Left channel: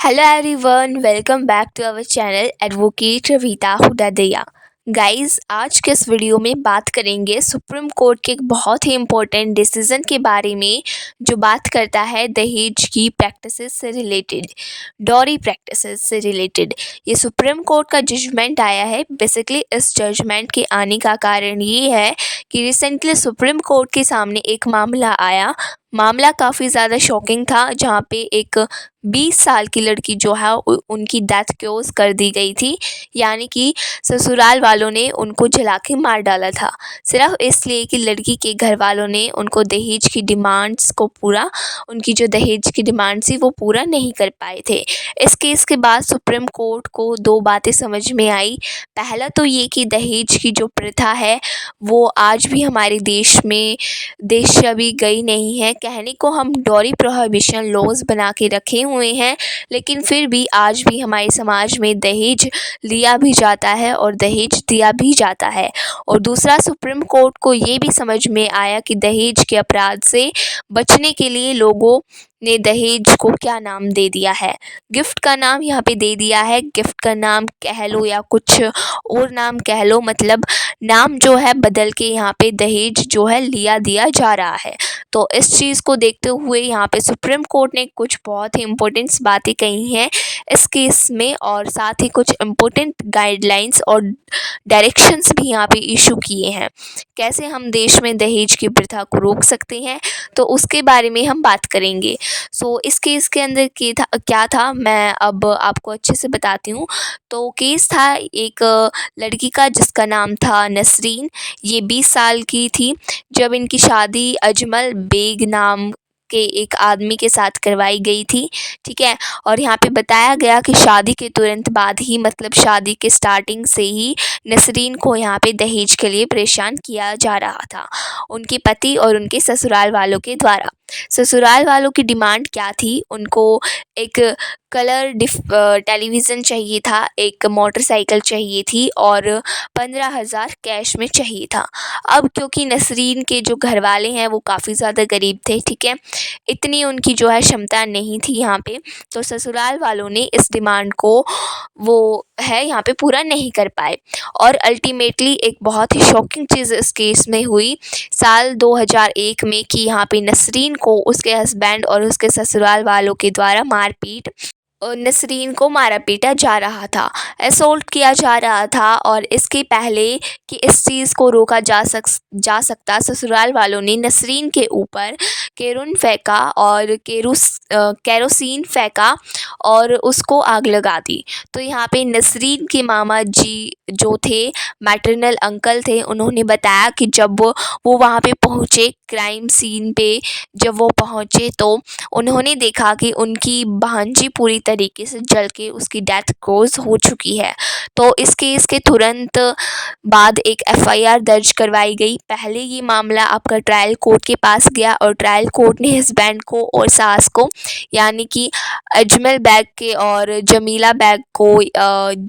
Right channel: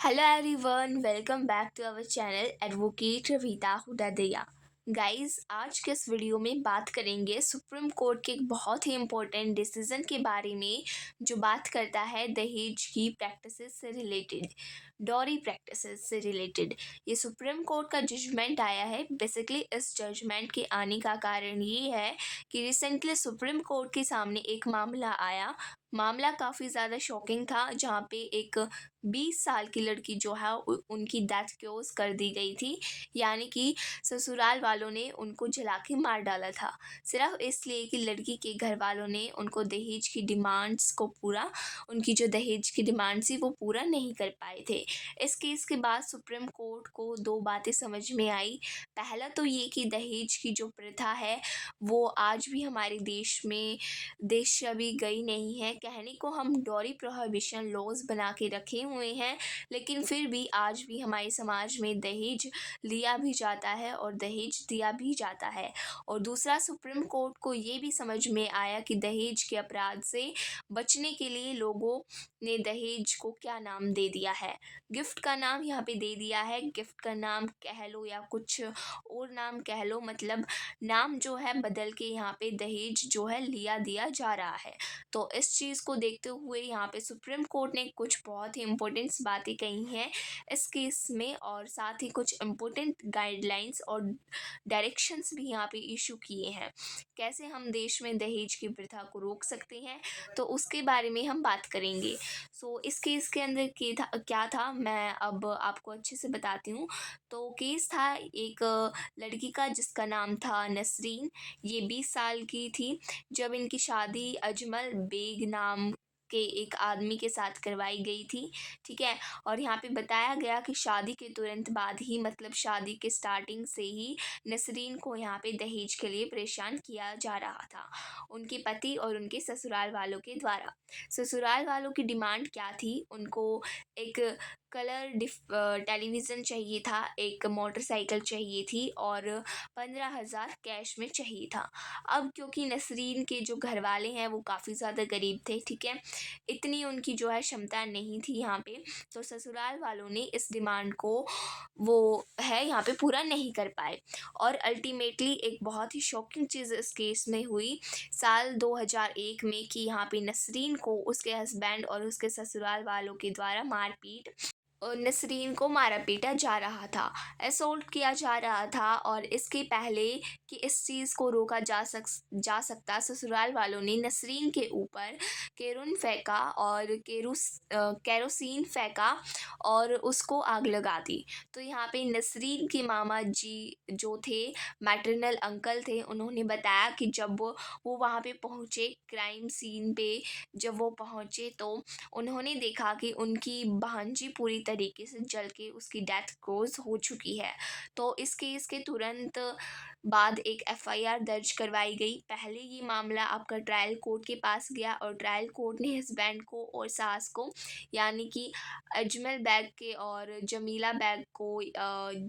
Hello everyone, welcome back to our channel Advocate Ravita Hudadaya। Guys, आज के इस video में बात करेंगे सुप्रीम कोर्ट के एक बहुत ही इम्पोर्टेंट डिसीजन के बारे में, जो बात करता है दहेज की प्रैक्टिसेस से रिलेटेड, डॉरी प्रैक्टिसेस से रिलेटेड। ये सुप्रीम कोर्ट का जजमेंट आया है। बेसिकली इस जजमेंट के आने का कारण ये है कि रिसेंटली सुप्रीम कोर्ट के सामने एक मामला आया। मामला काफ़ी ज़्यादा शॉकिंग था, जहाँ पे एक 20 साल की लड़की जो है उनकी डेथ क्लोज कर दी गई थी। यानी कि ससुराल वालों ने उनको जला के मार डाला था, सिर्फ इसलिए कि लड़की के घर वालों ने उनको दहेज की डिमांड्स को पूरा उनकी जो दहेज की डिमांड थी वो पूरा नहीं कर पाए थे। इस केस के बाद सुप्रीम कोर्ट को दो बातें समझ में आई। पहला तो ये कि दहेज की जो प्रथा है वो आज भी हमारे देश से अभी गई नहीं है। कहने को हम डॉरी प्रोहिबिशन लॉज बना के रखे हुए हैं, लेकिन फिर भी आज भी हमारे समाज में दहेज लिया भी जाता है और दहेज दिया भी जाता है। और दूसरा, सुप्रीम कोर्ट को ये भी समझ में आया कि दहेज के अपराध से बचने के लिए लोगों ने दहेज को क्या नाम दे दिया है, गिफ्ट का नाम यहाँ पे दे दिया है। गिफ्ट का नाम कह लो या कुछ और नाम कह लो, मतलब नाम जो है बदल के यहाँ पे दहेज जो है लिया दिया जा रहा है। तो इस चीज़ को देखते हुए यहाँ पे सुप्रीम कोर्ट ने कुछ बहुत ही इम्पोर्टेंट्स बातें कही हैं इस केस में, और साथ ही कुछ इम्पोर्टेंट गाइडलाइंस और डायरेक्शंस भी यहाँ पे इशू किए हैं। कैसे हम देश में दहेज की प्रथा को रोक सकते हैं, तो उसके बारे में हम बात करेंगे। इस केस के अंदर क्या था, मैं अब आपको अच्छे से बताती हूँ। तो केस था एक लड़की का, जिसका नाम था नसरीन। ये 20 साल की थी जब इनकी शादी अजमल बेग नाम के एक आदमी के साथ करवाई गई थी। ठीक है। और यहाँ पे बताया गया कि शादी के तुरंत बाद ही, मतलब शादी के स्टार्टिंग से ही नसरीन को यहाँ पे दहेज के लिए परेशान किया जा रहा था, उनके पति और उनके ससुराल वालों के द्वारा। ससुराल वालों की डिमांड क्या थी, उनको एक कलर टेलीविज़न चाहिए था, एक मोटरसाइकिल चाहिए थी और 15,000 कैश में चाहिए था। अब क्योंकि नसरीन के जो घर वाले हैं वो काफ़ी ज़्यादा गरीब थे, ठीक है, इतनी उनकी जो है क्षमता नहीं थी यहाँ पे, तो ससुराल वालों ने इस डिमांड को वो है यहाँ पे पूरा नहीं कर पाए। और अल्टीमेटली एक बहुत ही शॉकिंग चीज़ इस केस में हुई साल 2001 में, कि यहाँ पे नसरीन को उसके हस्बैंड और उसके ससुराल वालों के द्वारा मारपीट नसरीन को मारा पीटा जा रहा था, असोल्ट किया जा रहा था। और इसके पहले कि इस चीज़ को रोका जा सकता, ससुराल वालों ने नसरीन के ऊपर केरोसिन फेंका और केरोसिन फेंका और उसको आग लगा दी। तो यहाँ पे नसरीन के मामा जी जो थे, मैटरनल अंकल थे, उन्होंने बताया कि जब वो वहाँ पे पहुँचे, क्राइम सीन पे जब वो पहुँचे, तो उन्होंने देखा कि उनकी भांजी पूरी तरीके से जल के उसकी डेथ क्लोज हो चुकी है। तो इस केस के तुरंत बाद एक एफआईआर दर्ज करवाई गई। पहले ये मामला आपका ट्रायल कोर्ट के पास गया और ट्रायल कोर्ट ने हस्बैंड को और सास को, यानी कि अजमल बैग के और जमीला बैग को,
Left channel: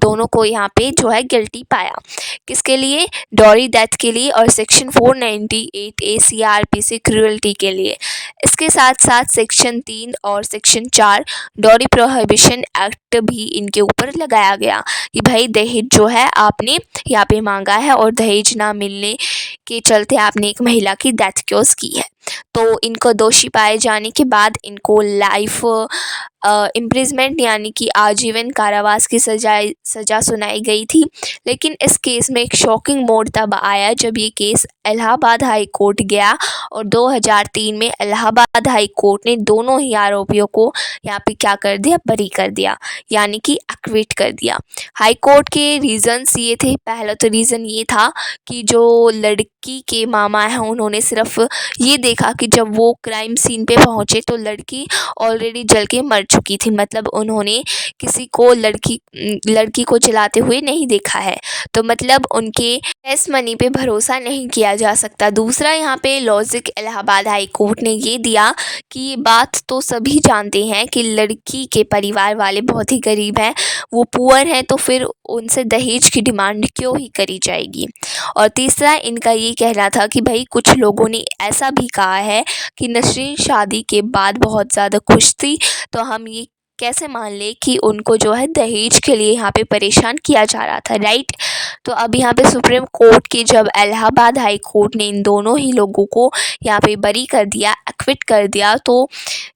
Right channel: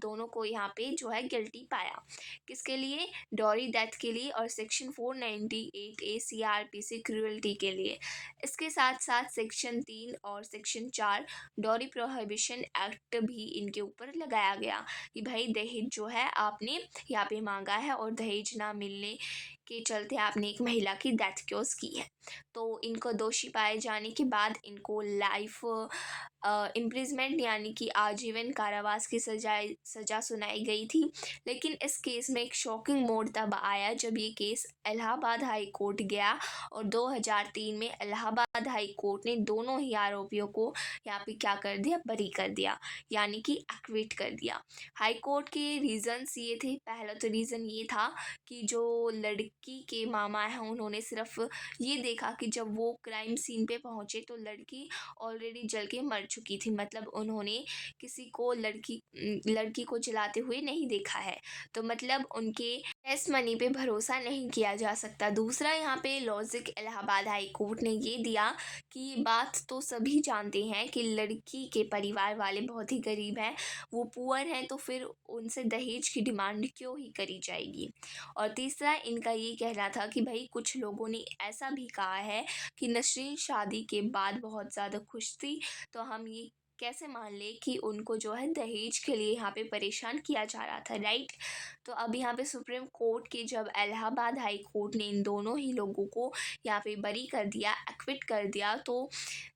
दोनों को यहाँ पे जो है गिल्टी पाया। किसके लिए? डॉरी डेथ के लिए और सेक्शन 498 ACRPC क्रूअल्टी के लिए। इसके साथ साथ सेक्शन 3 और सेक्शन 4 डॉरी प्रोहिबिशन एक्ट भी इनके ऊपर लगाया गया कि भाई दहेज जो है आपने यहाँ पे मांगा है और दहेज ना मिलने के चलते आपने एक महिला की डेथ क्लोज की है। तो इनको दोषी पाए जाने के बाद इनको लाइफ इम्प्रिजमेंट यानी कि आजीवन कारावास की सज़ा सुनाई गई थी। लेकिन इस केस में एक शॉकिंग मोड़ तब आया जब ये केस इलाहाबाद हाई कोर्ट गया और 2003 में इलाहाबाद हाई कोर्ट ने दोनों ही आरोपियों को यहाँ पे क्या कर दिया, बरी कर दिया, यानी कि एक्विट कर दिया। हाई कोर्ट के रीज़न्स ये थे, पहला तो रीज़न ये था कि जो लड़की के मामा हैं उन्होंने सिर्फ ये देखा कि जब वो क्राइम सीन पे पहुँचे तो लड़की ऑलरेडी जल के मर चुकी थी, मतलब उन्होंने किसी को लड़की को जलाते हुए नहीं देखा है, तो मतलब उनके टेस्ट मनी पे भरोसा नहीं किया जा सकता। दूसरा, यहाँ पे लॉजिक इलाहाबाद हाई कोर्ट ने ये दिया कि ये बात तो सभी जानते हैं कि लड़की के परिवार वाले बहुत ही गरीब हैं, वो पुअर हैं, तो फिर उनसे दहेज की डिमांड क्यों ही करी जाएगी। और तीसरा, इनका ये कहना था कि भाई कुछ लोगों ने ऐसा भी कहा है कि नसरीन शादी के बाद बहुत ज़्यादा खुश थी, तो हम ये कैसे मान ले कि उनको जो है दहेज के लिए यहाँ पे परेशान किया जा रहा था, राइट। तो अब यहाँ पे सुप्रीम कोर्ट की जब इलाहाबाद हाई कोर्ट ने इन दोनों ही लोगों को यहाँ पे बरी कर दिया, एक्विट कर दिया, तो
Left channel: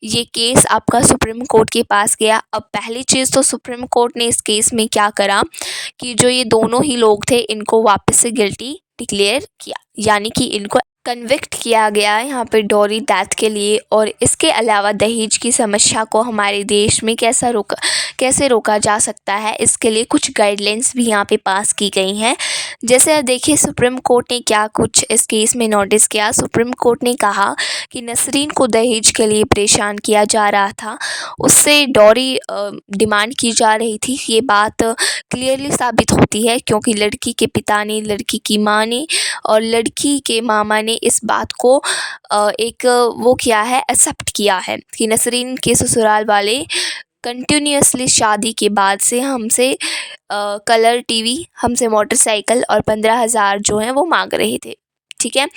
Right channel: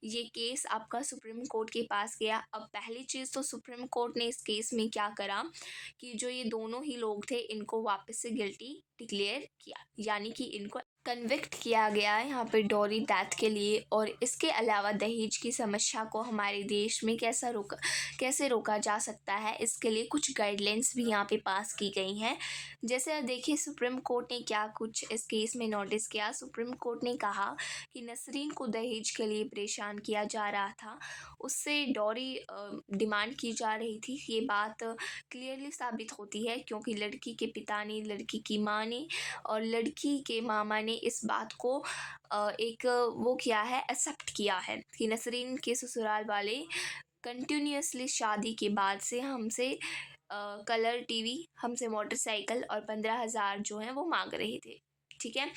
ये केस आपका सुप्रीम कोर्ट के पास गया। अब पहली चीज़ तो सुप्रीम कोर्ट ने इस केस में क्या करा कि जो ये दोनों ही लोग थे इनको वापस से गिल्टी डिक्लेयर किया, यानी कि इनको कन्विक्ट किया गया यहाँ पे डॉरी डेथ के लिए। और इसके अलावा दहेज की समस्या को हमारे देश में कैसे रोका जा सकता है, इसके लिए कुछ गाइडलाइंस भी यहाँ पे पास की गई हैं। जैसे अब देखिए सुप्रीम कोर्ट ने क्या कुछ इस केस में नोटिस किया। सुप्रीम कोर्ट ने कहा कि नसरीन को दहेज के लिए परेशान किया जा रहा था, उससे डॉरी डिमांड की जा रही थी। ये बात क्लियरली साबित होती है क्योंकि लड़की के पिता ने, लड़की की माँ ने और लड़की के मामा ने इस बात को वो किया है, एक्सेप्ट किया है कि नसरीन के ससुराल वाले कंटिन्यूसली शादी के बाद से हमसे कलर टीवी, हमसे मोटरसाइकिल और 15,000 जो हैं वो मांग रहे थे, ठीक है।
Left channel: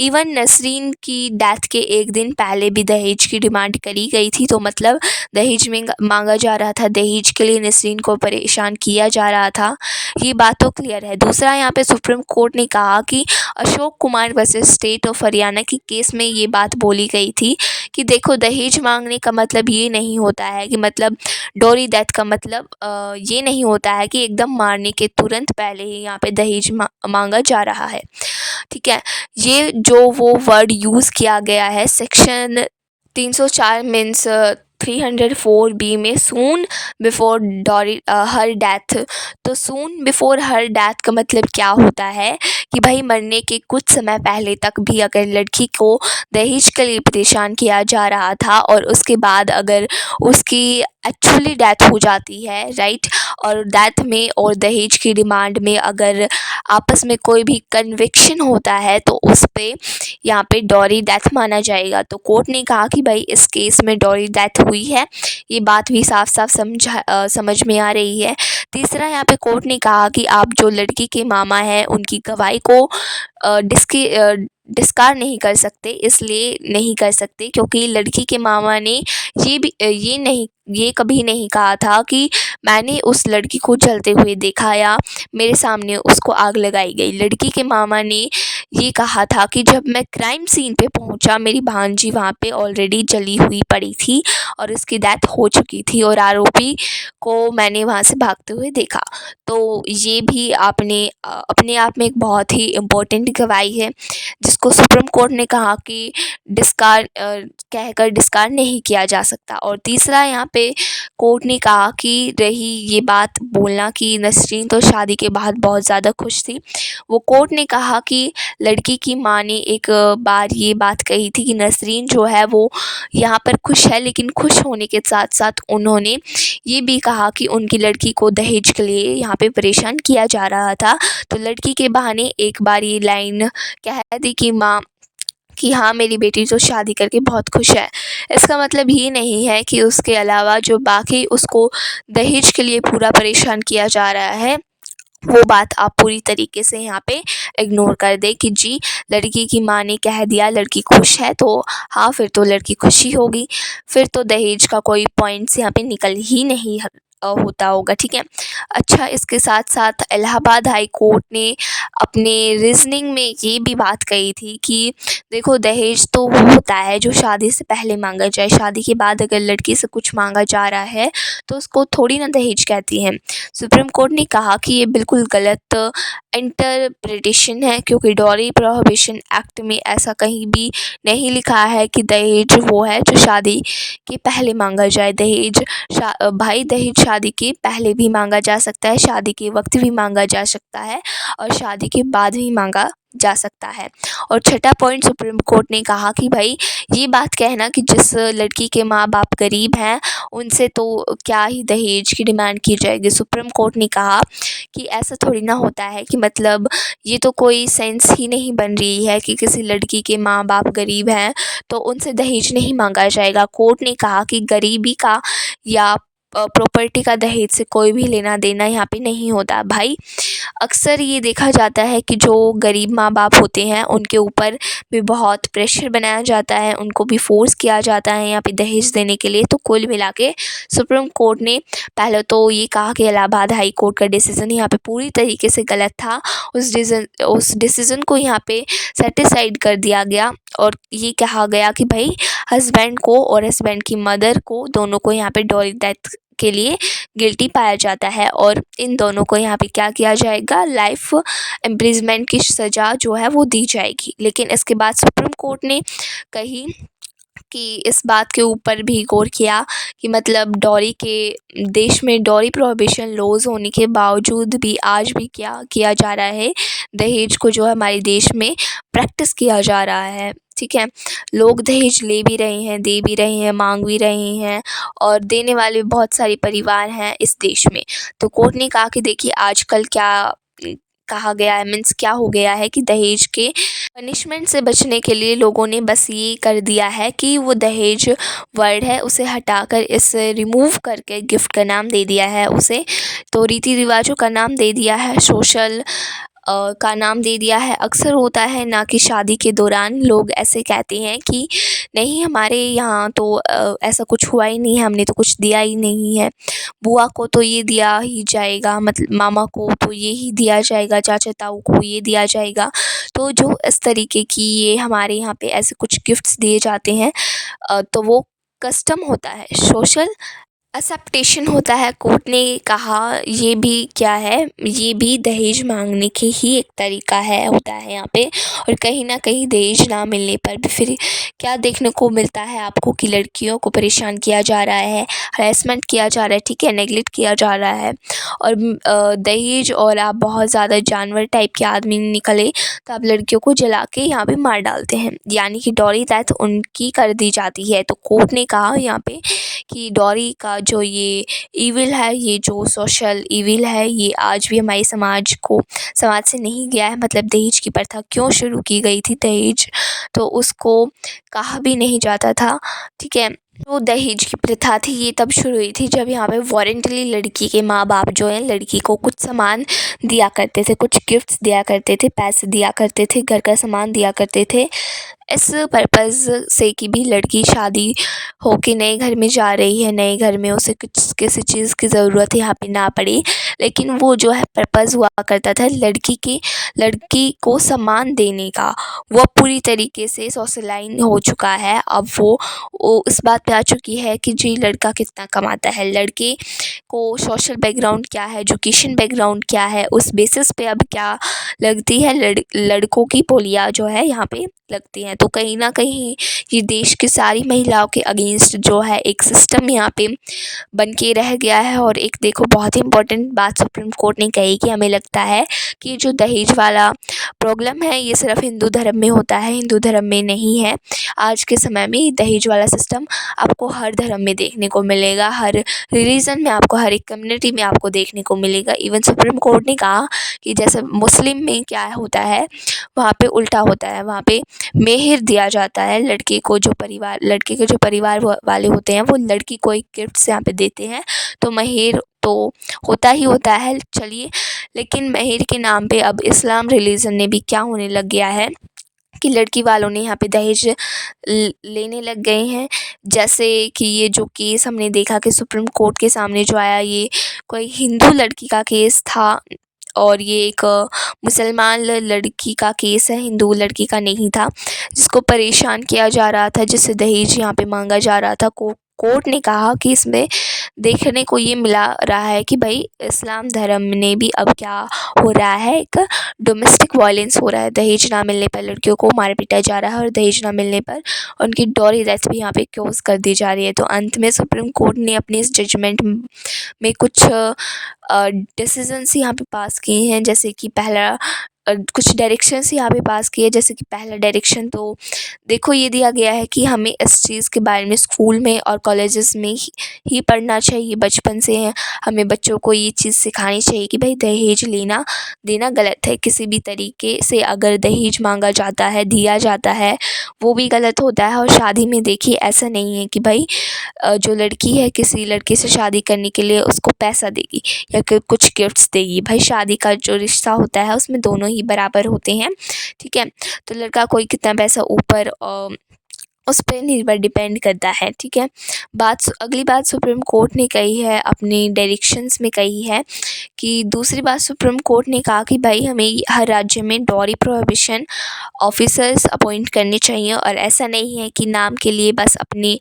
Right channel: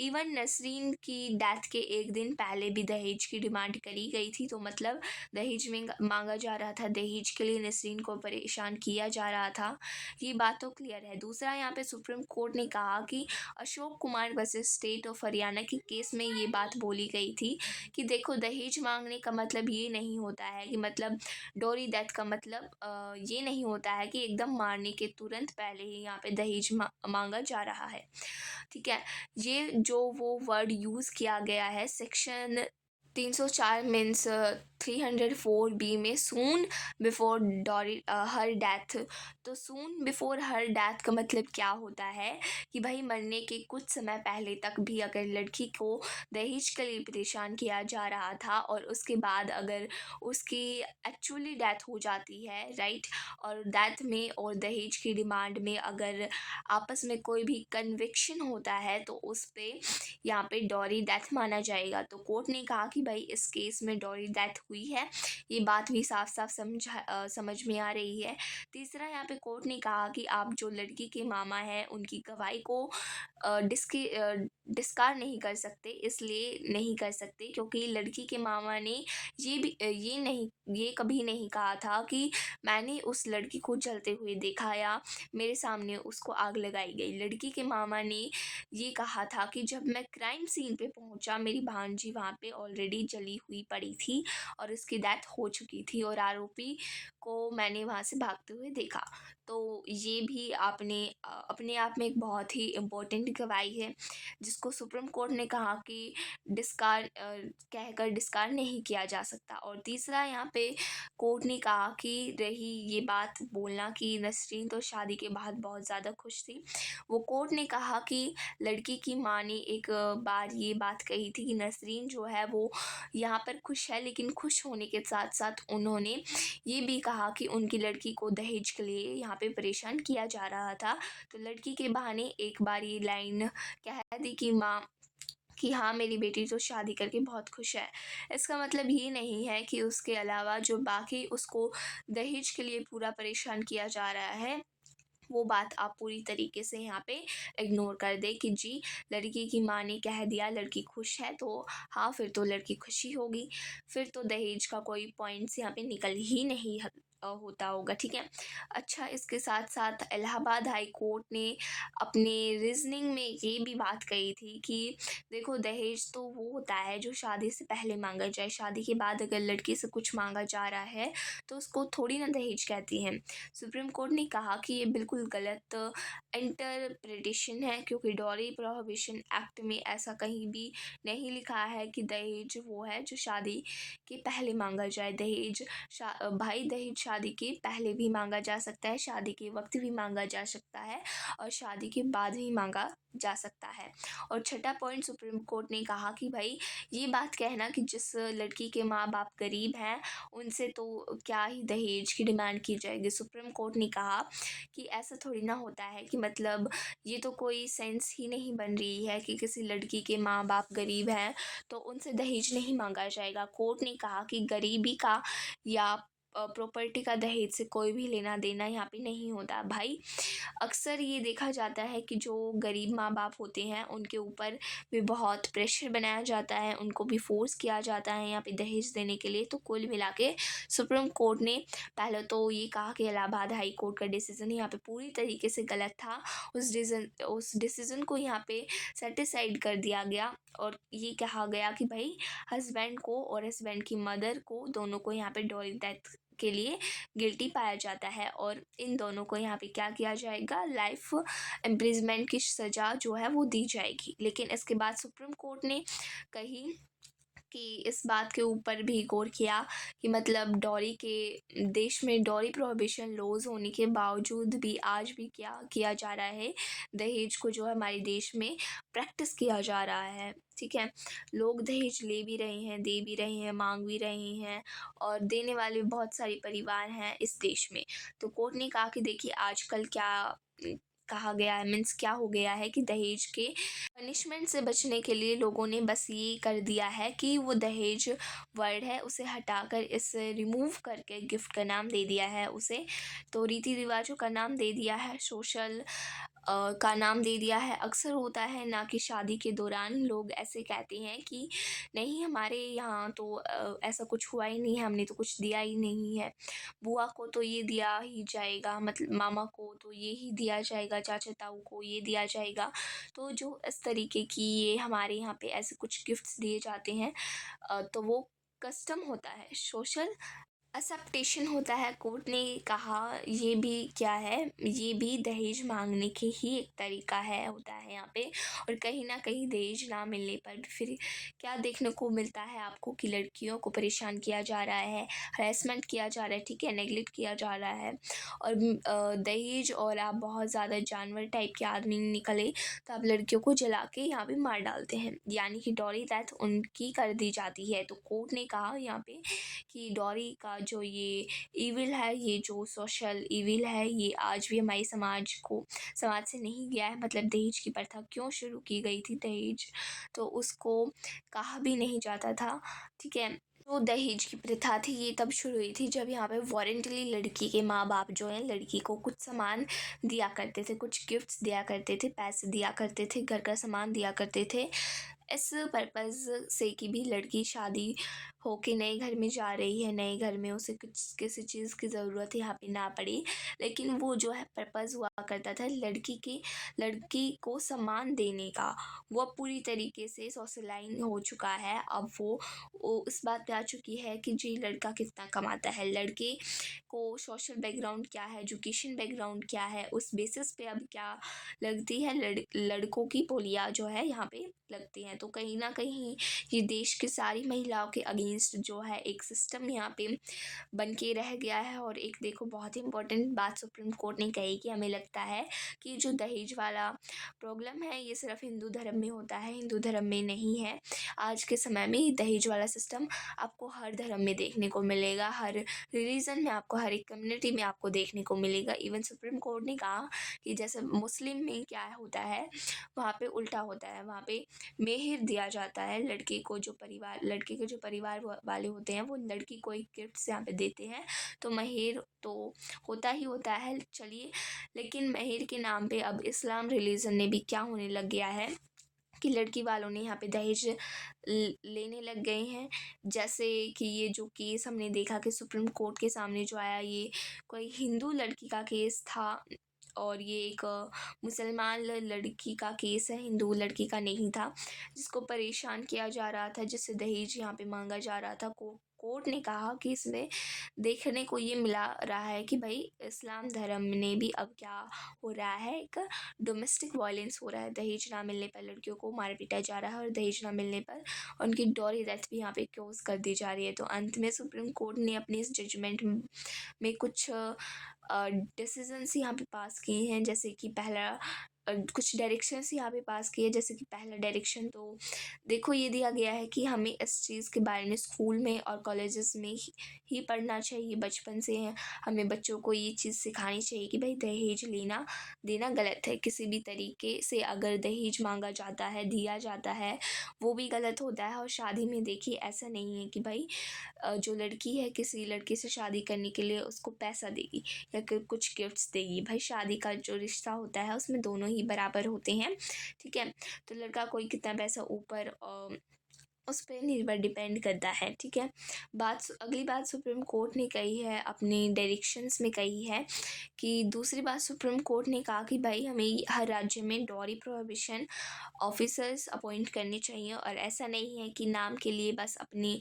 इवन नसरीन की डेथ के एक दिन पहले भी दहेज की डिमांड करी गई थी, तो मतलब दहेज में मांगा जा रहा था, दहेज के लिए नसरीन को परेशान किया जा रहा था, ये बात तो क्लियर है। दूसरा यहाँ पे सुप्रीम कोर्ट ने कहा कि Ashok Kumar versus state of Haryana की केस में ये बात बोली गई थी कि देखो दहेज मांगने का मतलब ये नहीं होता है कि मतलब डोरी डेथ का मतलब ये नहीं होता है कि एकदम मारने के तुरंत पहले ही यहाँ पे दहेज मांगा जा रहा है, ठीक है। ये जो वो वर्ड यूज़ किया गया है सेक्शन 304 मीन्स 304B में, soon before dowry her death. तो सून बिफोर हर डेथ का मतलब क्या होता है कि भाई मरने के कुछ समय पहले तक भी अगर लड़की को दहेज के लिए परेशान किया जा रहा था और उसके बाद अगर उसकी एक्चुअली डेथ हो जाती है, राइट, और डेथ में और दहेज की डिमांड में अगर आपस में कोई भी कन्विक्शन होता है तो उस पे यहाँ पे डॉरी डेथ माना जाएगा। तो कोर्ट ने कहा कि भाई इस केस में डॉरी डेथ हुई है, ये बात भी साफ साफ समझ में आ रही है। तीसरा यहाँ पे कोर्ट ने कहा कि आप जो लड़की के मामा हैं उनकी गवाही को डिस्कार्ड नहीं कर सकते, इसलिए नहीं कर सकते क्योंकि लड़की के मामा ने ये कभी नहीं कहा था कि मैंने उस लड़की को जलते हुए देखा या मेरे सामने उसको आग लगाई गई। लड़की के मामा ने ये कहा था कि जब मैं क्राइम सीन पे पहुंचा मेरी भांजी वहाँ पे ऑलरेडी जली हुई पड़ी थी और उसकी डेथ हो चुकी थी और आरोपी को मैंने वहाँ से भागते हुए देखा। तो ये भी अपने आप में एक बहुत ही इम्पोर्टेंट गवाही है जिसको सुप्रीम कोर्ट ने कहा कि कहकर डिस्कार्ड नहीं किया जा सकता। और तीसरा यहाँ पे कोर्ट ने कहा कि रही ये बात बोलना कि नसरीन तो शादी के बाद बहुत ज़्यादा खुश थी, वो कोर्ट ने कहा कि लड़की की माँ ने एक बार ये बात कही थी कि नसरीन जो है वो यहाँ पर खुश है, लेकिन खुश होने के साथ साथ उन्होंने ये भी कहा कि उनकी लड़की को दहेज के लिए यहाँ पे परेशान किया जा रहा था। तो लड़की के बहाने एक बार ये लाइन कह दी कि माँ कि हाँ मेरी बेटी तो शादी करके बहुत खुश है। इसका मतलब ये नहीं है कि उसके अलावा जो बाकी उसको दहेज के लिए पूरा परेशान किया जा रहा है वो बात आप पूरी तरीके से यहाँ पे इग्नोर कर दे कि जी लड़की की माँ ने कह दिया लड़की खुश है तो हाँ फिर तो लड़की खुशी होगी, फिर तो दहेज का कोई पॉइंट्स यहाँ पे निकल ही नहीं होता होगा, ठीक है। अच्छा, इसके साथ साथ इलाहाबाद हाई कोर्ट ने अपने रीजनिंग में ये भी बात कही थी कि देखो दहेज तो वो होता है जो शादी से पहले मांगा जाए, शादी के बाद अगर लड़की से कुछ मांगा जा रहा है तो उसको थोड़ी ना दहेज कहती हैं। सुप्रीम कोर्ट ने कहा कि ये बिल्कुल गलत इंटरप्रिटेशन है क्योंकि डॉरी प्रोहिबिशन एक्ट में ऐसा कहीं भी नहीं लिखा है कि दहेज वो है जो शादी के पहले मांगा जाए। भाई दहेज शादी के पहले भी मांगा जा सकता है, शादी के वक्त भी मांगा जा सकता है और शादी के बाद भी मांगा जा सकता है। और छठा पॉइंट सुप्रीम कोर्ट ने कहा कि भाई ये बात कहना कि जिस लड़की के माँ बाप गरीब हैं उनसे तो क्या ही दहेज की डिमांड की जाएगी। सुप्रीम कोर्ट ने कहा कि ऐसा थोड़ी ना होता है कि मतलब ये तो कोई सेंस ही नहीं बन रही है कि किसी लड़की के माँ बाप गरीब हैं तो उनसे दहेज नहीं मांगा जाएगा। कोर्ट ने कहा कि गरीबी का या प्रॉपर्टी का दहेज से कोई भी लेना देना यहाँ पे नहीं होता भाई। अक्सर ये देखा जाता है कि जो गरीब माँ बाप होते हैं उनके ऊपर भी बहुत प्रेशर बनाया जाता है, उनको भी फ़ोर्स किया जाता है यहाँ पे दहेज देने के लिए। तो कुल मिला के सुप्रीम कोर्ट ने पहले तो ये कहा कि इलाहाबाद हाई कोर्ट का डिसीज़न यहाँ पे पूरी तरीके से गलत था। उस डिसीज़न को यहाँ पे सेटिसाइड कर दिया गया और ये कहा गया कि भाई हस्बैंड को और हस्बैंड की मदर को दोनों को यहाँ पे डॉली डेथ के लिए गिल्टी पाया जाता है और इन दोनों को यहाँ पे क्या किया जाएगा, लाइफ इम्प्रिजमेंट की सज़ा जो है वो दी जाएगी। लेकिन इसके बाद सुप्रीम कोर्ट ने कही कि इस बात के ऊपर भी गौर किया कि मतलब डॉरी के देश में डॉरी प्रोहिबिशन लॉज होने के बावजूद भी आज भी क्या किया जा रहा है, दहेज को जो है हमारे देश में प्रैक्टिस किया जा रहा है। ठीक है, लोग दहेज ले भी रहे हैं, दे भी रहे हैं, मांग भी रहे हैं और देने वाले बहुत सारे परिवार हैं इस देश में। तो कोर्ट ने कहा कि देखिए आजकल क्या कहा गया है, मीन्स क्या हो गया है कि दहेज के पनिशमेंट से बचने के लिए लोगों ने बस ये कर दिया है कि वो दहेज वर्ड है उसे हटाकर इसे रिमूव करके गिफ्ट का नाम दे दिया है उसे। तो रीति रिवाजों का नाम दे दिया है, सोशल का नाम दे दिया है। अक्सर होता है ना कि शादी के दौरान लोग ऐसे कहते हैं कि नहीं हमारे यहाँ तो ऐसा कुछ हुआ ही नहीं है, हमने तो कुछ दिया ही नहीं है, बुआ को तो ये दिया ही जाएगा, मतलब मामा को तो ये ही दिया जाएगा, चाचा ताऊ को ये दिया जाएगा। तो जो इस तरीके की ये हमारे यहाँ पे ऐसे कुछ गिफ्ट्स दिए जाते हैं तो वो कस्टम होता है, सोशल एक्सेप्टेशन होता है। कोर्ट ने कहा ये भी क्या है, ये भी दहेज मांगने की ही एक तरीका है होता है यहाँ पे। और कहीं ना कहीं दहेज ना मिलने पर भी फिर क्या देखने को मिलता है आपको कि लड़कियों को परेशान किया जा रहा है, हरेसमेंट किया जा रहा है, ठीक है, नेगलेक्ट किया जा रहा है। और दहेज और आप बहुत ज़्यादा जानवर टाइप के आदमी निकले तो आप लड़कियों को जला के यहाँ पे मार डालते हैं, यानी कि डॉली डेथ उनकी कर दी जाती है। तो कोर्ट ने कहा यहाँ पे कि डॉरी का जो ये ईविल है, ये जो सोशल ईविल है, ये आज भी हमारे समाज से नहीं गया है। मतलब दहेज की प्रथा क्यों शुरू की गई थी, दहेज तो उसको कहा भी नहीं जाता था। ठीक है, तो दहेज की प्रथा थी ये तब शुरू हुई थी जब यहाँ पे वॉरेंटली लड़की के माँ बाप जो है लड़की को कुछ सामान दिया करते थे, कुछ गिफ्ट्स दिया करते थे, पैसे दिया करते थे, घर का सामान दिया करते थे, इस पर्पज़ से कि भी लड़की शादी होके नए घर में जा रही है, नए घर में उसे कुछ किसी चीज़ की ज़रूरत यहाँ पे ना पड़े। लेकिन वो जो है पर्पज़ हुआ करता था लड़की को सम्मान देने का, वो पूरी तरीके से सोशलाइन हो चुका है। अब वो इस बात पे आ चुकी है कि जी लड़का कितना कमाता है, लड़के को सोशल बैकग्राउंड क्या है, एजुकेशन बैकग्राउंड क्या है, उस बेसिस पे अब क्या लगती है, लड़कों की बोलियाँ जो है यहाँ पे लगती हैं। तो कहीं ना कहीं ये देश की सारी महिलाओं के अगेंस्ट जो है एक सिस्टम यहाँ पे बन के रह गया है। और एक देखो बहुत ही इम्पोर्टेंट बात सुप्रीम कोर्ट ने कही कि हमें लगता है कि जो दहेज वाला प्रॉब्लम है ये सिर्फ हिंदू धर्म में होता है, हिंदू धर्म में नहीं है। आज के समय में दहेज वाला सिस्टम आपको हर धर्म में देखने को मिलेगा, हर रिलीजन में आपको, हर एक कम्युनिटी में आपको देखने को मिलेगा। इवन सुप्रीम कोर्ट ने कहा कि जैसे मुस्लिम में क्या होता है वहाँ पे उल्टा होता है, वहाँ पे मेहर दिया जाता है लड़के के जो परिवार वाले होते हैं वो लड़की को एक गिफ्ट यहाँ पे देते हैं। तो मेहर तो होता ही होता है, चलिए। लेकिन मेहर के नाम पे अब इस्लाम रिलीजन ने भी क्या होने लग गया है कि लड़की वालों ने यहाँ पे दहेज लेने लग गए हैं। जैसे कि ये जो केस हमने देखा कि सुप्रीम कोर्ट के सामने जो आया, ये कोई हिंदू लड़की का केस था और ये एक मुसलमान लड़की का केस है, हिंदू लड़की का नहीं था, जिसको परेशान किया जा रहा था, जिससे दहेज यहाँ पे मांगा जा रहा था। कोर्ट ने कहा कि इसमें देखने को ये मिला रहा है कि भाई इस्लाम धर्म ने भी अब क्या हो रहा है, एक डोमेस्टिक वायलेंस हो रहा है। दहेज ना मिलने पर लड़कियों को मार पीटा जा रहा है और दहेज ना मिलने पर उनकी डॉरी डेथ भी यहाँ पे क्लोज कर दी जा रही है। तो अंत में सुप्रीम कोर्ट ने अपने इस जजमेंट में कुछ डिसीजंस यहाँ पे पास किए हैं। जैसे कि पहला कुछ डायरेक्शंस यहाँ पे पास किए। जैसे कि पहला डायरेक्शन तो देखो ये दिया गया है कि हमें इस चीज़ के बारे में स्कूल में और कॉलेजेस में ही पढ़ना चाहिए। बचपन से हमें बच्चों को ये चीज़ सिखानी चाहिए कि भाई दहेज लेना देना गलत है। किसी भी तरीके से अगर दहेज मांगा जाता है, दिया जाता है, वो भी गलत होता है। और शादी में देखिए ऐसा नहीं है कि भाई जो लड़की है किसी लड़के से शादी करने के लिए उसको पैसा देगी या कुछ गिफ्ट्स देगी। भाई शादी का जो रिश्ता होता है उसमें दोनों ही बराबर होते हैं, ठीक है। तो लड़का कोई कितना पैसा ऊपर उस पे निर्भर डिपेंड करता है, ठीक है। अगली बात सुप्रीम कोर्ट ने कही है, अपनी डायरेक्शंस में कही है कि दूसरी बात सुप्रीम कोर्ट ने कहा कि भाई हमें हर राज्य में डॉरी प्रोहिबिशन ऑफिसर्स अपॉइंट करने चाहिए। और ऐसा नहीं है कि नाम के लिए बस अपनी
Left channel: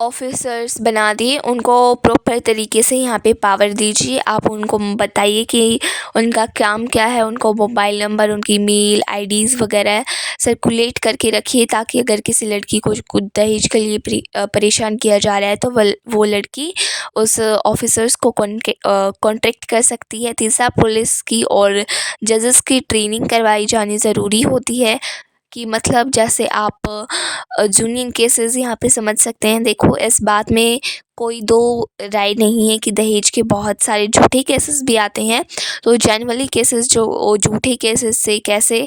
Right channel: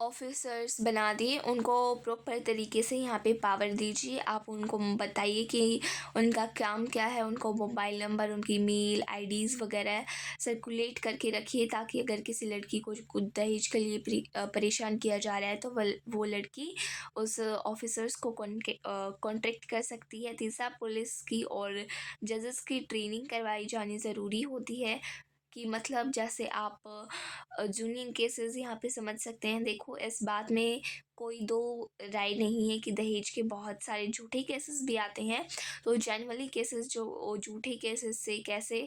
ऑफिसर्स बना दिए, उनको प्रॉपर तरीके से यहाँ पे पावर दीजिए। आप उनको बताइए कि उनका काम क्या है, उनको मोबाइल नंबर, उनकी मेल आईडीज़ वगैरह सर्कुलेट करके रखिए, ताकि अगर किसी लड़की को कुछ दहेज के लिए परेशान किया जा रहा है तो वो लड़की उस ऑफिसर्स को कॉन्टेक्ट कर सकती है। तीसरा, पुलिस की और जजेस की ट्रेनिंग करवाई जानी ज़रूरी होती है कि मतलब जैसे आप जूनियर केसेस यहाँ पे समझ सकते हैं। देखो इस बात में कोई दो राय नहीं है कि दहेज के बहुत सारे झूठे केसेस भी आते हैं। तो जनरली केसेस जो झूठे केसेस से कैसे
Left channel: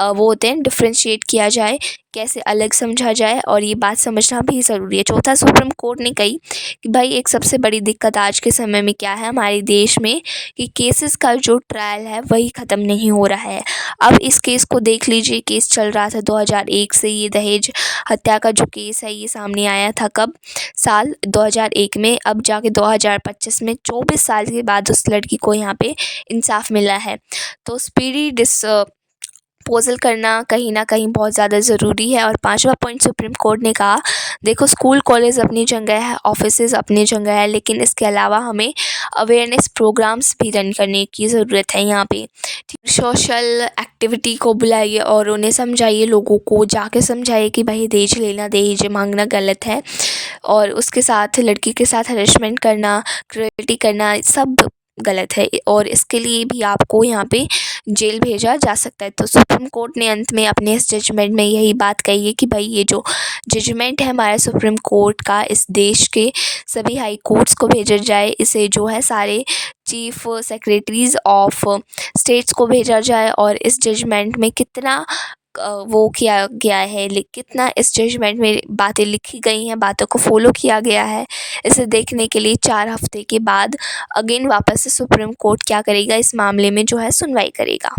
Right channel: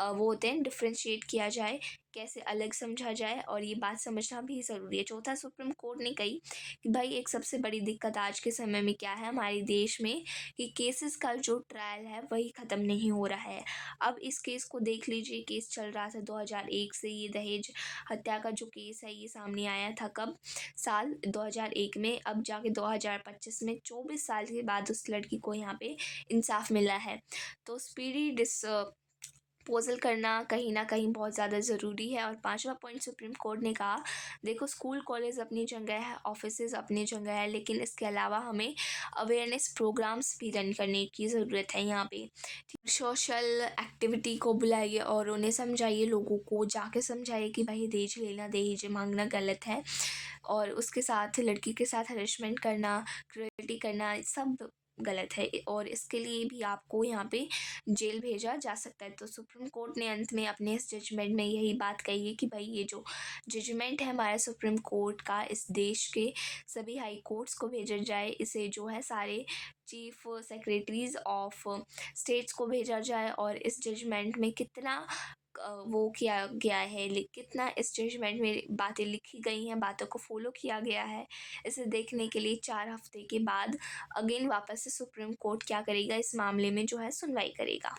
वो होते हैं डिफ्रेंशिएट किया जाए, कैसे अलग समझा जाए, और ये बात समझना भी ज़रूरी है। चौथा, सुप्रीम कोर्ट ने कही कि भाई एक सबसे बड़ी दिक्कत आज के समय में क्या है हमारे देश में कि केसेस का जो ट्रायल है वही ख़त्म नहीं हो रहा है। अब इस केस को देख लीजिए, केस चल रहा था 2001 से। ये दहेज हत्या का जो केस है ये सामने आया था कब? साल 2001 में। अब जाके 2025 में 24 साल के बाद उस लड़की को यहाँ पे इंसाफ मिला है। तो स्पीडी डिस्पोजल करना कहीं ना कहीं बहुत ज़्यादा ज़रूरी है। और पांचवा पॉइंट सुप्रीम कोर्ट ने कहा, देखो स्कूल कॉलेज अपनी जगह है, ऑफिसेज अपनी जगह है, लेकिन इसके अलावा हमें अवेयरनेस प्रोग्राम्स भी रन करने की ज़रूरत है। यहाँ पे सोशल एक्टिविटी को बुलाइए और उन्हें समझाइए, लोगों को जाके समझाइए कि भाई दहेज लेना, दहेज मांगना गलत है। और उसके साथ लड़की के साथ हरेसमेंट करना, क्रुएल्टी करना सब गलत है, और इसके लिए भी आपको यहाँ पे जेल भेजा जा सकता है। तो सुप्रीम कोर्ट ने अंत में अपने इस जजमेंट में यही बात कही है कि भाई ये जो जजमेंट है हमारे सुप्रीम कोर्ट का, इस देश के सभी हाई कोर्ट्स को भेजा जाए। इसे जो है सारे चीफ सेक्रेटरीज़ ऑफ स्टेट्स को भेजा जाए। और इस जजमेंट में कितना वो किया गया है, कितना इस जजमेंट में बातें लिखी गई हैं, बातों को फॉलो किया गया है, इसे देखने के लिए 4 हफ्ते के बाद अगेन वापस से सुप्रीम कोर्ट क्या करेगा, इस मामले में जो है सुनवाई करेगा।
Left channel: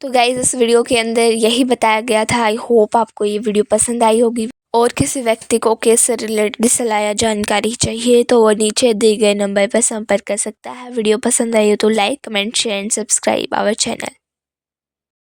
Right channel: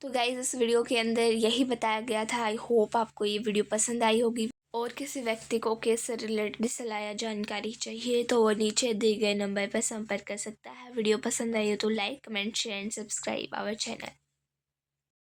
तो गाइज़ इस वीडियो के अंदर यही बताया गया था। आई होप आपको ये वीडियो पसंद आई होगी। और किसी व्यक्ति को केस से रिलेटेड सलाह या जानकारी चाहिए तो वो नीचे दिए गए नंबर पर संपर्क कर सकता है। वीडियो पसंद आई हो तो like, comment, share and subscribe our channel.